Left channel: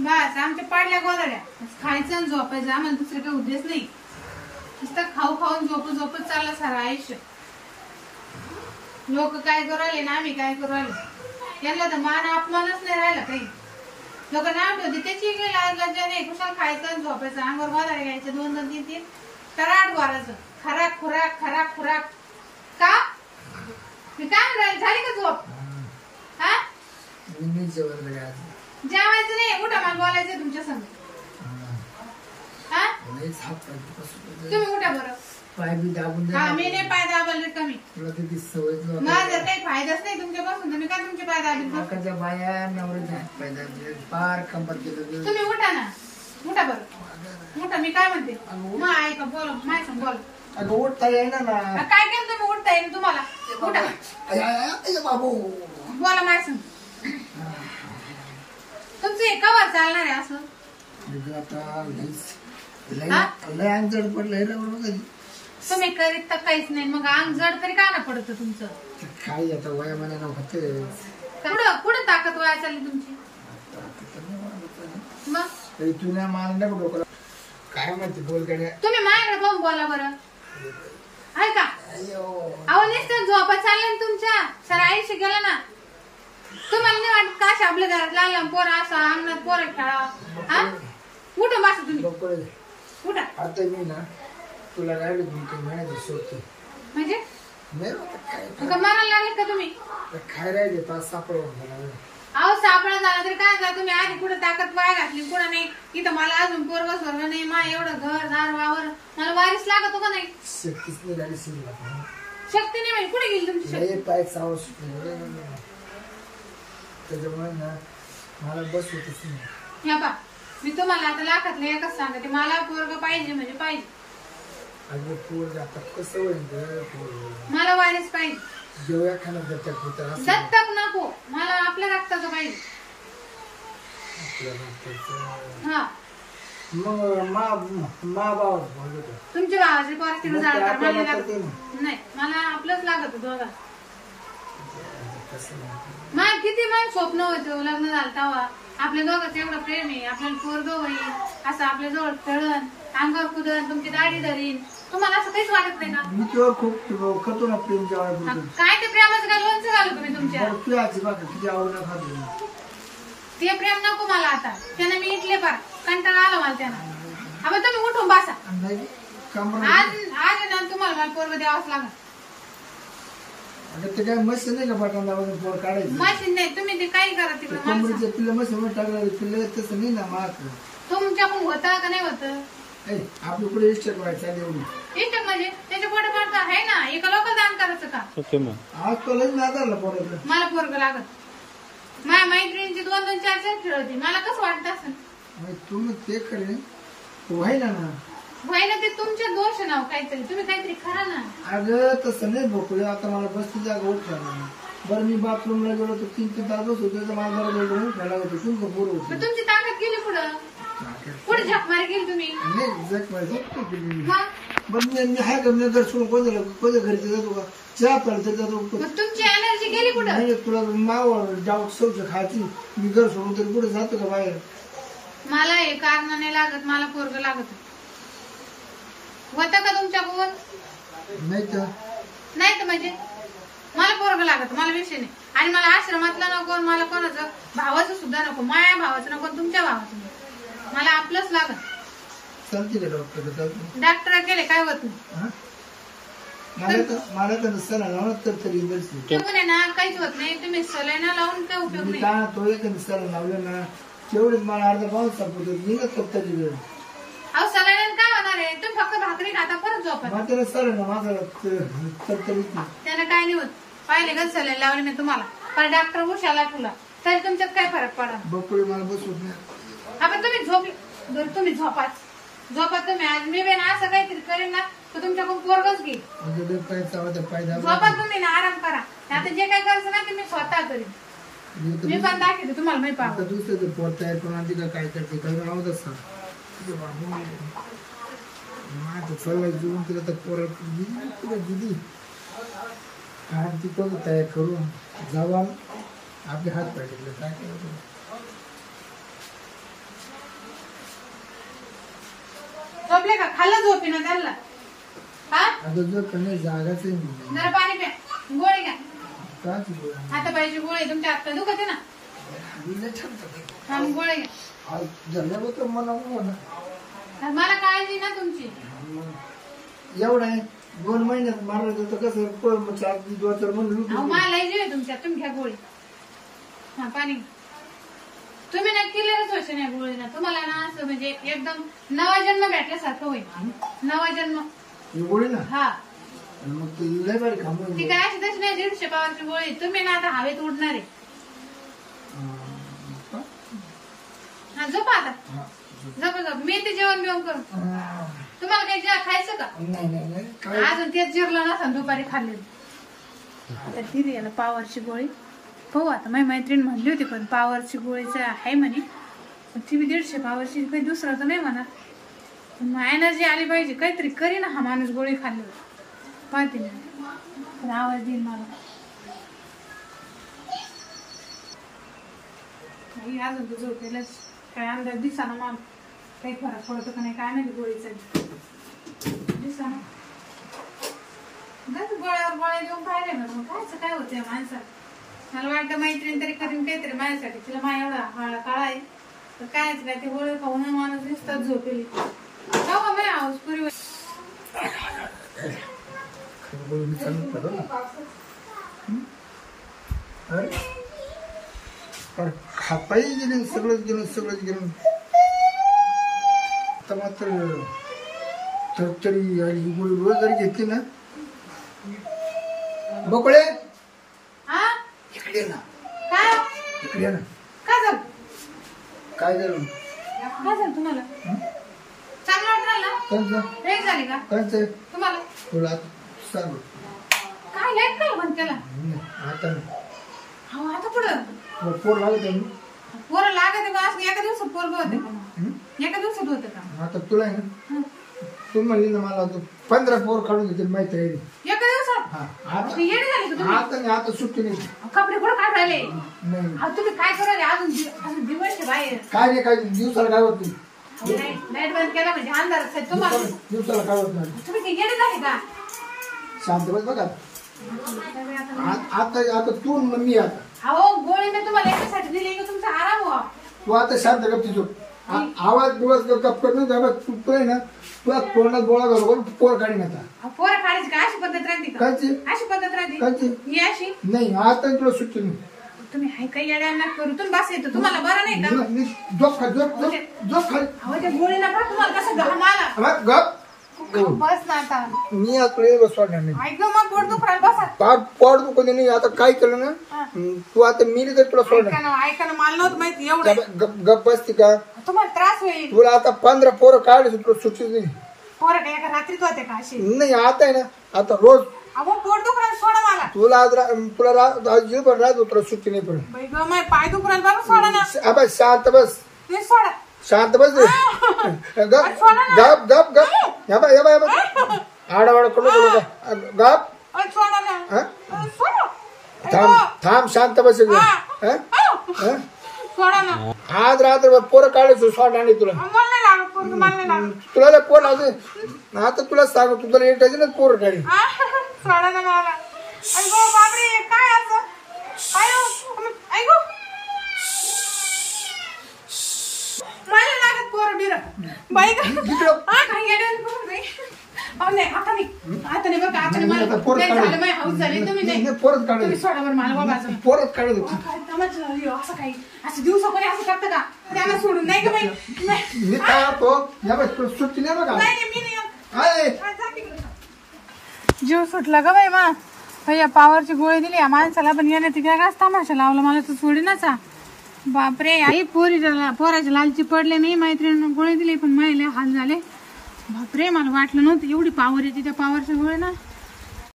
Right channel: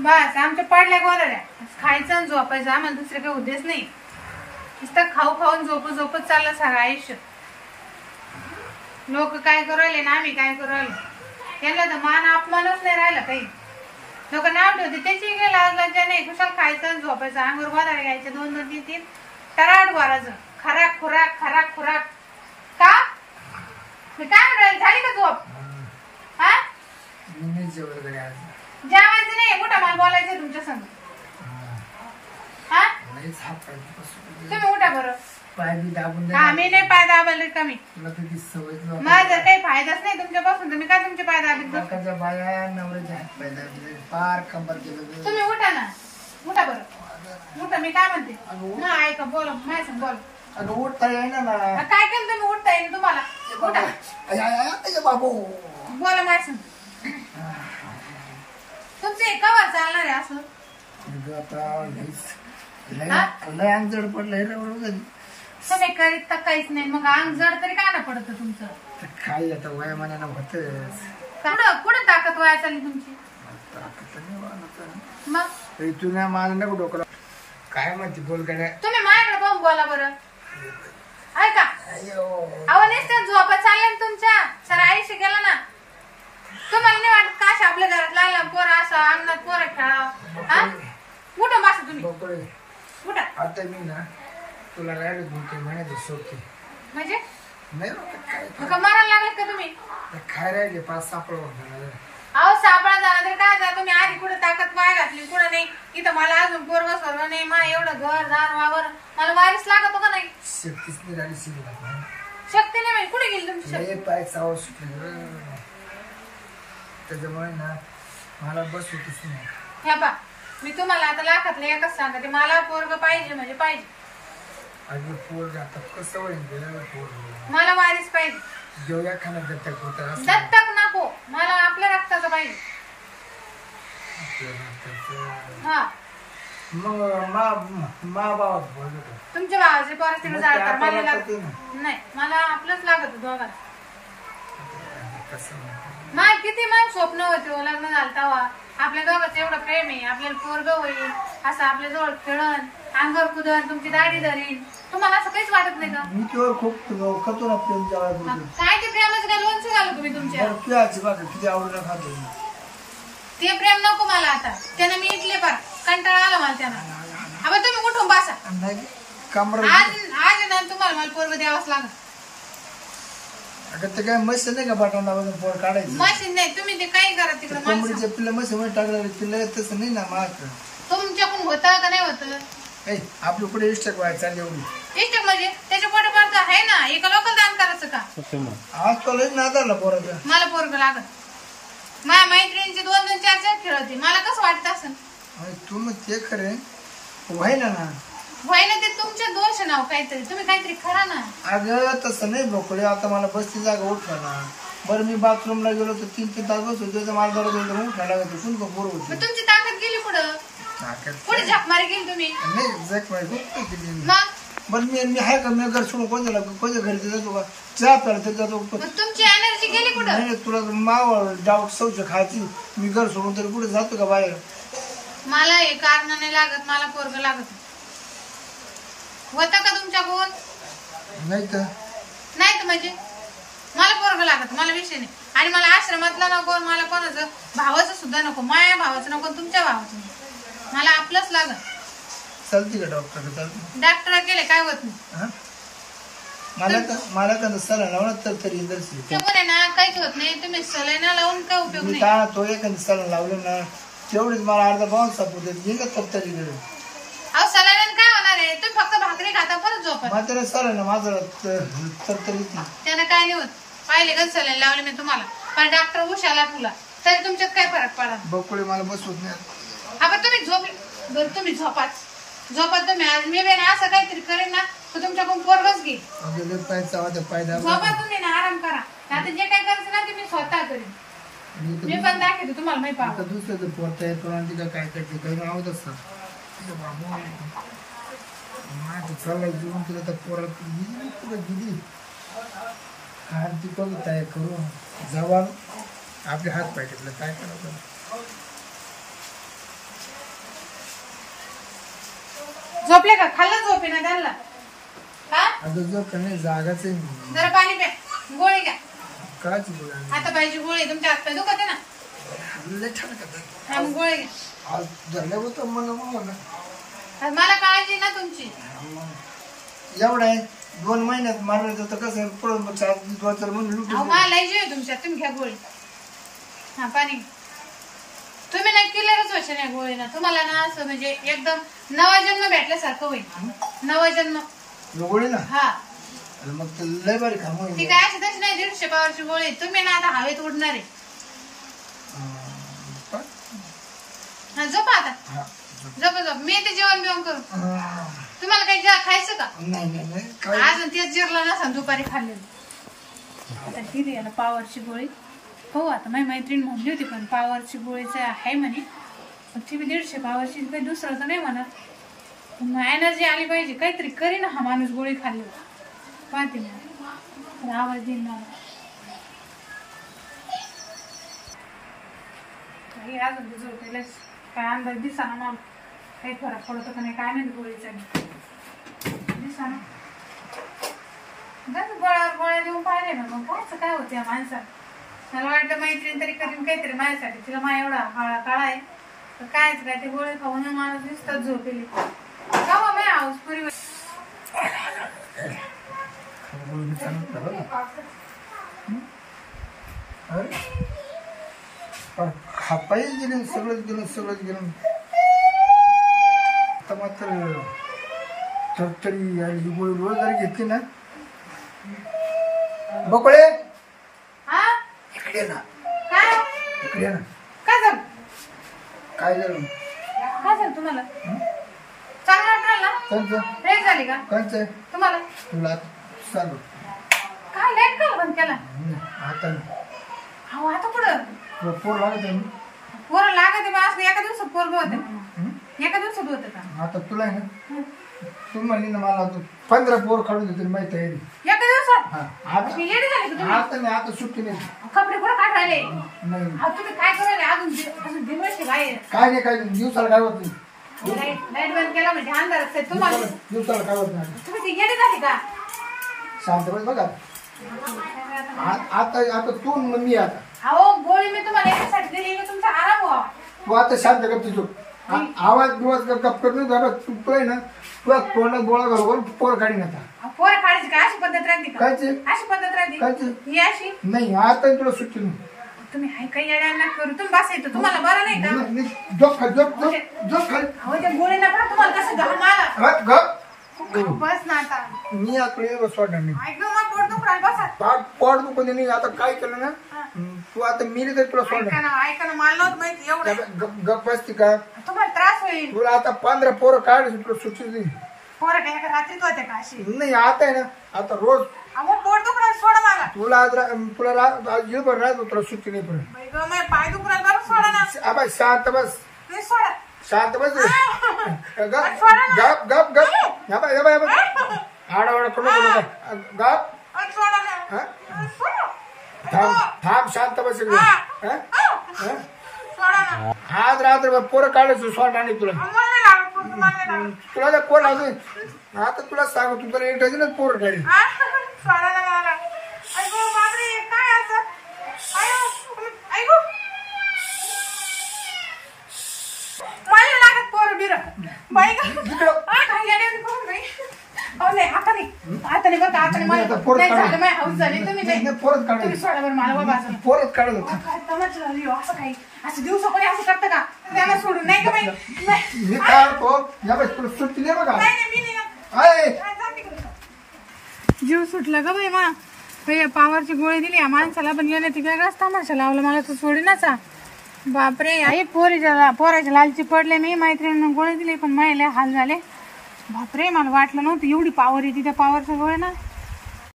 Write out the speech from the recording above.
बस आमच्या पडल्या गोरड्या खायचं आणि झोपायचं आम्हाला दुसरे काही उद्देश नाही नुसतं खाऊ खाऊन झोपत चाललं सारं आयुष्य लोक काय करू राहिले ना आम्ही काय करू राहिले यांना तर मान अपमानच नाही राहिला काही लोक नाव ठेवते त्याची काही लाज लज्जा नाही कुशाल खायचं झोपायचं अंगावर गोदाळे घ्यायचे 2 2 3 3 टराट भरायचं खराक खुराक का मी काय म्हणून झाली का झोप हा जेवायचं नाही उठा मला बोलायचं तुमच्या संग हा तुम्ही उठा बरं पाय बी दाबून हा मी नाही पाय दाबायला कमी सवय माझं काही फायदाच नाही तुमच्यापासून तुम्ही काय तुमचे पाय दाबले बाया नवऱ्याच्या हात पाय दाबले पार कंबर केलं तुम्ही उठा ना उठा बरं उठा मी काय म्हणते मग ऐका बोल माय सांग बोल अगं उठता येईना ना काय केलं तुम्ही उठता येईल तुम्हाला उठा बाबू बोला माय सांग तुमचं एका वर चालणार आहे असं लय अंग जड पडलं तुम्ही करीत तर काहीच नाही मग अंग जड तरी काय ना पडत तुमचं काय आता वयामानानं होत कुठं ताकद वाया चालली तुमची मग तुला मला नको डोकं काय म्हणते बोल काय तुम्ही माझ्याकडे पाहून बोला बरं ऐका अहो नुसतं झोपा चालल्या ना तुमच्या सर आयुष्य गेलं ना तुम्हाला नाही वाटत का आपल्या घरात लहान पोरं असं अंगणात पोरं खेळा हा उठा बसा तुम्ही उठा आता मी ना तुला राहिलो 2-3 महिन्याची शोधते म्हणजे नाही का मारायला लागले का तुम्ही काय राहिले 5 सापड अहो सापळा झाला तरी काय झालं तुम्ही आधी कुठे ताकद पाय घातली कुठं नाही इथं मला अजून पोरग स्वर्ग नाही मा एवढं घर दार वावर मला वारीस लागत का नाही शक्तीच नाही राहिली शक्ती नाही म्हणजे कुठे गेली तुमची शक्ती पाय चावळ सुटले त्याच्यामुळे ना मला बस होतच नाही ह्या पा मी तुम्हाला आता लाखातलं एकच सांगते मला पोरग पाहिजे म्हणजे पाहिजे अगं पोरग आता कसं होईल मला वारीस पाहिजे जेवया खाना दत्तक होत दत्तक नको मला आपल्या रक्ताचं पाहिजे हा मग मा भाव बोलतो तुमच्या भावाची परिस्थिती जाळकार मला लागत नाही मला आपलंच लागत दोघांना माय किती मन स्वप्न होते लग्न झालं तेव्हा आपल्या दोघांचं एवढं प्रेम आहे आपल्याला पोरग होईल असं आपल्या जवळ खेळण अंगावर कुदन तुमची दाढी धरीन तुम्हाला असं काहीच वाटत नाही का मी तुझ्यावर खूप करतो ना प्रेम काय ते प्रेमाचं काय लोणचं घालू तुम्ही तुमच्या किती आवडलं खातो ते प्रेम नको मला आता त्यानं मी इथले पार कंटाळा आला मला त्यानं अब तुम्ही उठून बसा आज ना तुम्हाला मला पोरग द्यावाच लागत अगं ते काय मशीन नाही का बटन दाबायचं पोर काढायचं मशीन नाही तुम्ही ते काही करा तिकडे कोंबडीचे पिल्लं मशीन मध्ये टाकलं पिल्लं तसं नाही ना माग तुमच्याकडून होतं का नाही होतं आपलं पुढे इष्टक व्हायचं आणि एवढी इष्टक म्हणजे त्याच्या पोटे पडतं आहे ना एका लोकल दान करायचं का आज तो लई नादारला पोराचं मला पोरग लागत माझ्या मैत्रिणीची 2-2 4-4 खेळती मला कसं वाटत असं तू मग ते खरे व्हायला ना व्हायला ते तुमचे दोष नाव काहीतरी तुम्ही काहीतरी खरा ना अगं तसं नाही बोकडे आता मला बसची जागा उठला ना बरं मी बाथरूमला गेलो तर 3-3 तास बस होतो मला बरं उठायला होतं कोण बोर होतं तुमची ताकद गेली पुढं पुढे झकमारी गेली तुम्ही नाही जखमारी मग बरं मी आहे का मी घर सोडून कोणत्या घरी जातो का चहा प्यायला जातो तुमची एनर्जी गेली कुठं नाही तुला माव डाऊट शौच खायची मी घर सोडून तरी कुठे जातो का बाहेर मला हे कारण नाही लागत मला पोरग लागत होतं का तुमच्याकडून नाही तर म्हणजे मला पोरग लागत मला विषय नाही आणि मला आश्रमातला नको मला कोणाचं भावाचं सुद्धा नको माझ्या भावाचं नको तुमच्या भावाचं नको मला आपलंच लागत चालते का डॉक्टर डॉक्टर गेले काय होत नाही मला तर सला लावणार तरी ना काहीच होत नाही तुम्ही सलाईना लावून काय उपयोग नाही का तो एखादी सला लावलं ना तेवढीच मला अर्धा पाऊन सापडते मी ना तरी अहो सलाईन काय होणार आहे तुम्ही फक्त भाकरी खाता परत झोपा माझ्या सर ना माझं तरी त्यानं काय नाही होत पाहिले का सलाईन लावली मी तुम्हाला पण डॉक्टर उशाला तुला तरी तुमच्यात काय फरक पडा बकुळी मला बसवत नाही आपण तुम्ही झोपले बरं तुम्ही झोपा तुम्ही आज मी बेन असं काहीतरी करेन ना तर तुमच्याकडून पोरगच घेईल झोपा तुम्ही ना आराम करा आता जे काही करायचं ना ते मी स्वतः करेन मी पण दाखवते तुम्हाला माहिती पाहतो दुसरं पोर तयार करून काय करते काही आवडत चालला जेवून तुला तर पोरात गेली काय ती तयार करून जवान आपले हात पाय टेकले काय करायचं. झोपले का? खाल्लं झोपे ना त्यांना. हा आता जो कधी जागाच जरा पाणी प्या, गोळी घ्या. काय आता पाहिजे गोळी. तुमच्या हात पाय दुखत आहे ना? हा मग गोळी घ्या. झालं होतं मला मला काळजी ना तुमची. एवढं आहे 2 महिन्यात मारलं जातं कसं पुढं 2-4 महिने लुटून. मला जीव तुमच्या. तुम्ही घ्या गोळी. हा पाणी. तुम्ही नक्की लगेच होशील या गोळीनं. तुम्हाला ना असं म्हणजे एकदम नवा जन्म भेटल्यासारखं होईल. नवा जन्म गोळी ना. हा मग ते लय बरी काम होईल. ती काय अशी तशी नाही 150 पावरची गोळी. तुम्ही ना आता हवेत उडणार आहे. हा झोपा आता. झोप झोप. मी ते जेवण बिवण करू. तुम्हाला काही खायचं का? नाही अजून तेच जिरलं नसा दुपारी खाल्लेलं. आता दिली याला पावरची गोळी. हो आता माझी मैत्रीण म्हणली होती पण पावरची गोळीचं आहे म्हणे. पण ती बी 150 पावरची. काही दुसरं तर नाही म्हणत. पण मग एनर्जी आली पाहिजे. काहीतरी करी ना हा माणूस गोळी खाल्ली. पाहते मी पण आवाज देईल मला. अजून ते झोपेलच. काय अंदाज दिसा ना मला. काही फरक पडतो का नाही काय नाही गोळीचा. दिसा ना गोळ्यावर गोळ्या देऊन पाहिले ना. मग कायच काय होतं या माणसाला. मला वाटतं मैत्रीण तरी करीन काहीतरी माझ्यासाठी. तिला मा एवढा हाळा काळा आहे तर कायच काय ते गोळे खाऊन माणूस दिसतात झोपेली. जाऊ माय हाऊस पुरी हातपायी गेले सगळंच गेलं. आता मात्र तरतरी गोळी रोज जरी घेतली ना. बकोळे इकडे ना. काय इकडे ना. काय झालं? काय झालं? काय झालं तुम्हाला? चांगलं वाटलं ना? कंच लेट झाली का कंच तुम्हाला? तुला सांगू काय लेट केलं बंद केला? आता अहो आता कुठं पोर लागत आहे. पोरं लागत आहे. एका दिवसात पोरग होते. एका दिवसात होतं का? आता तुला आहे ना. तू म्हणली ना मला 15 पोर काढून देते माहिती आहे. एका दिवसात? आता येडे झाले का तुम्ही? आता नाही. आता सुट्टी नाही. कपडे कुठं काय राहिले? नाही तुम्ही काय करायला अजून दिवसचे बाहेर? काय नाही. काय दिवसाला काय होत नाही. लाईट बंद केला म्हणजे अंधारच आहे तुम्हाला. दिवसाला काय होत नाही. तुम्ही ते येडे झाले का? शांत बस बघा. आता तू मी आता. अहो गोळी मी तुम्हाला याच्यासाठी दिली की तुमचा आराम व्हावा. तू आता शांत गप्ती झोप. आवाज दिवस गप करत नाही. तू आहे ना तुला तोंडात बोळा घालून पोर काढी आता. पोरं काढायची का अशी पद्धत राहते का? कायची अशी पद्धत राहते कायची ही अशी नाही. आता तुला सुट्टी नाही. तुम्ही हाय काही येड्यांना करू. तुम्ही बस येतो तुम्हाला बरं नाही का? झोप खा झोप खाली. अहो त्या गोळीला पहा तुम्हाला कसं घाम आला. गप बस ना आता. मी आता बसवाडणार नाही. ऐक मग पोट दुखणार बसा. पोट दुखून नाही. आता काय केलं ना तू आता मिली तर तुला सोडणार. ऐका ना मला नव्हतं माहिती एवढं. गप बसती का? तुम्हाला त्रास होईल. तुला आता 15 पोरं काढायचं तुला सुट्टी नाही. पोरं काय एका रात्रीत होते का अशी? नाही आता आहे ना. आता रोज अहो पोट दुखणार सोडा मला. तुला आज तुला जीवभर राहतो तुला सुट्टी नाही पडत. बाई गं माझे पाय दुखणार बरं सोडा ना. आबा शांत बस. ते सोडा. शांत बस रे. गप गप गप गप. आडावाडा करू नको गप. सोडा ना. थांब शांत बस. सोडा ना. आज रात्र पोरं काढायचं सोडणार नाही तुला. तुला पोर लागत आता तुला सांगू तू तुला एकटाची ना पोरं काढी. सोडा ना मला. ऐगो बापरे काय असं? ऐगो मला लागत पोरं बिर. बाई इकडं नाही आता नाही बरं का. आता नाही मला झालं माझी हाऊस झाली. तुम्ही पोरच तुम्ही सोडा बरं मला बाबा. पोरच काढत होत. असं काही असं दिवसा कोणी असं करतं का? त्यांना सोडून नाही का बाई? मी काय तो तुला सुट्टी नाही बघा. जीव सुटला ग बाई मा. या पावरची गोळी दिली या माणसाला पण गेले ती काय तमाशा लावला मला तर सोडी नसा. बापरे आई पोराच्या लालची पडले. मी मैत्रिणीनं गोळी दिली पण महिला हाल झाले. बापरे मला वाटलं नव्हतं एवढी पावर येते त्या पावरच्या गोळ्या ना.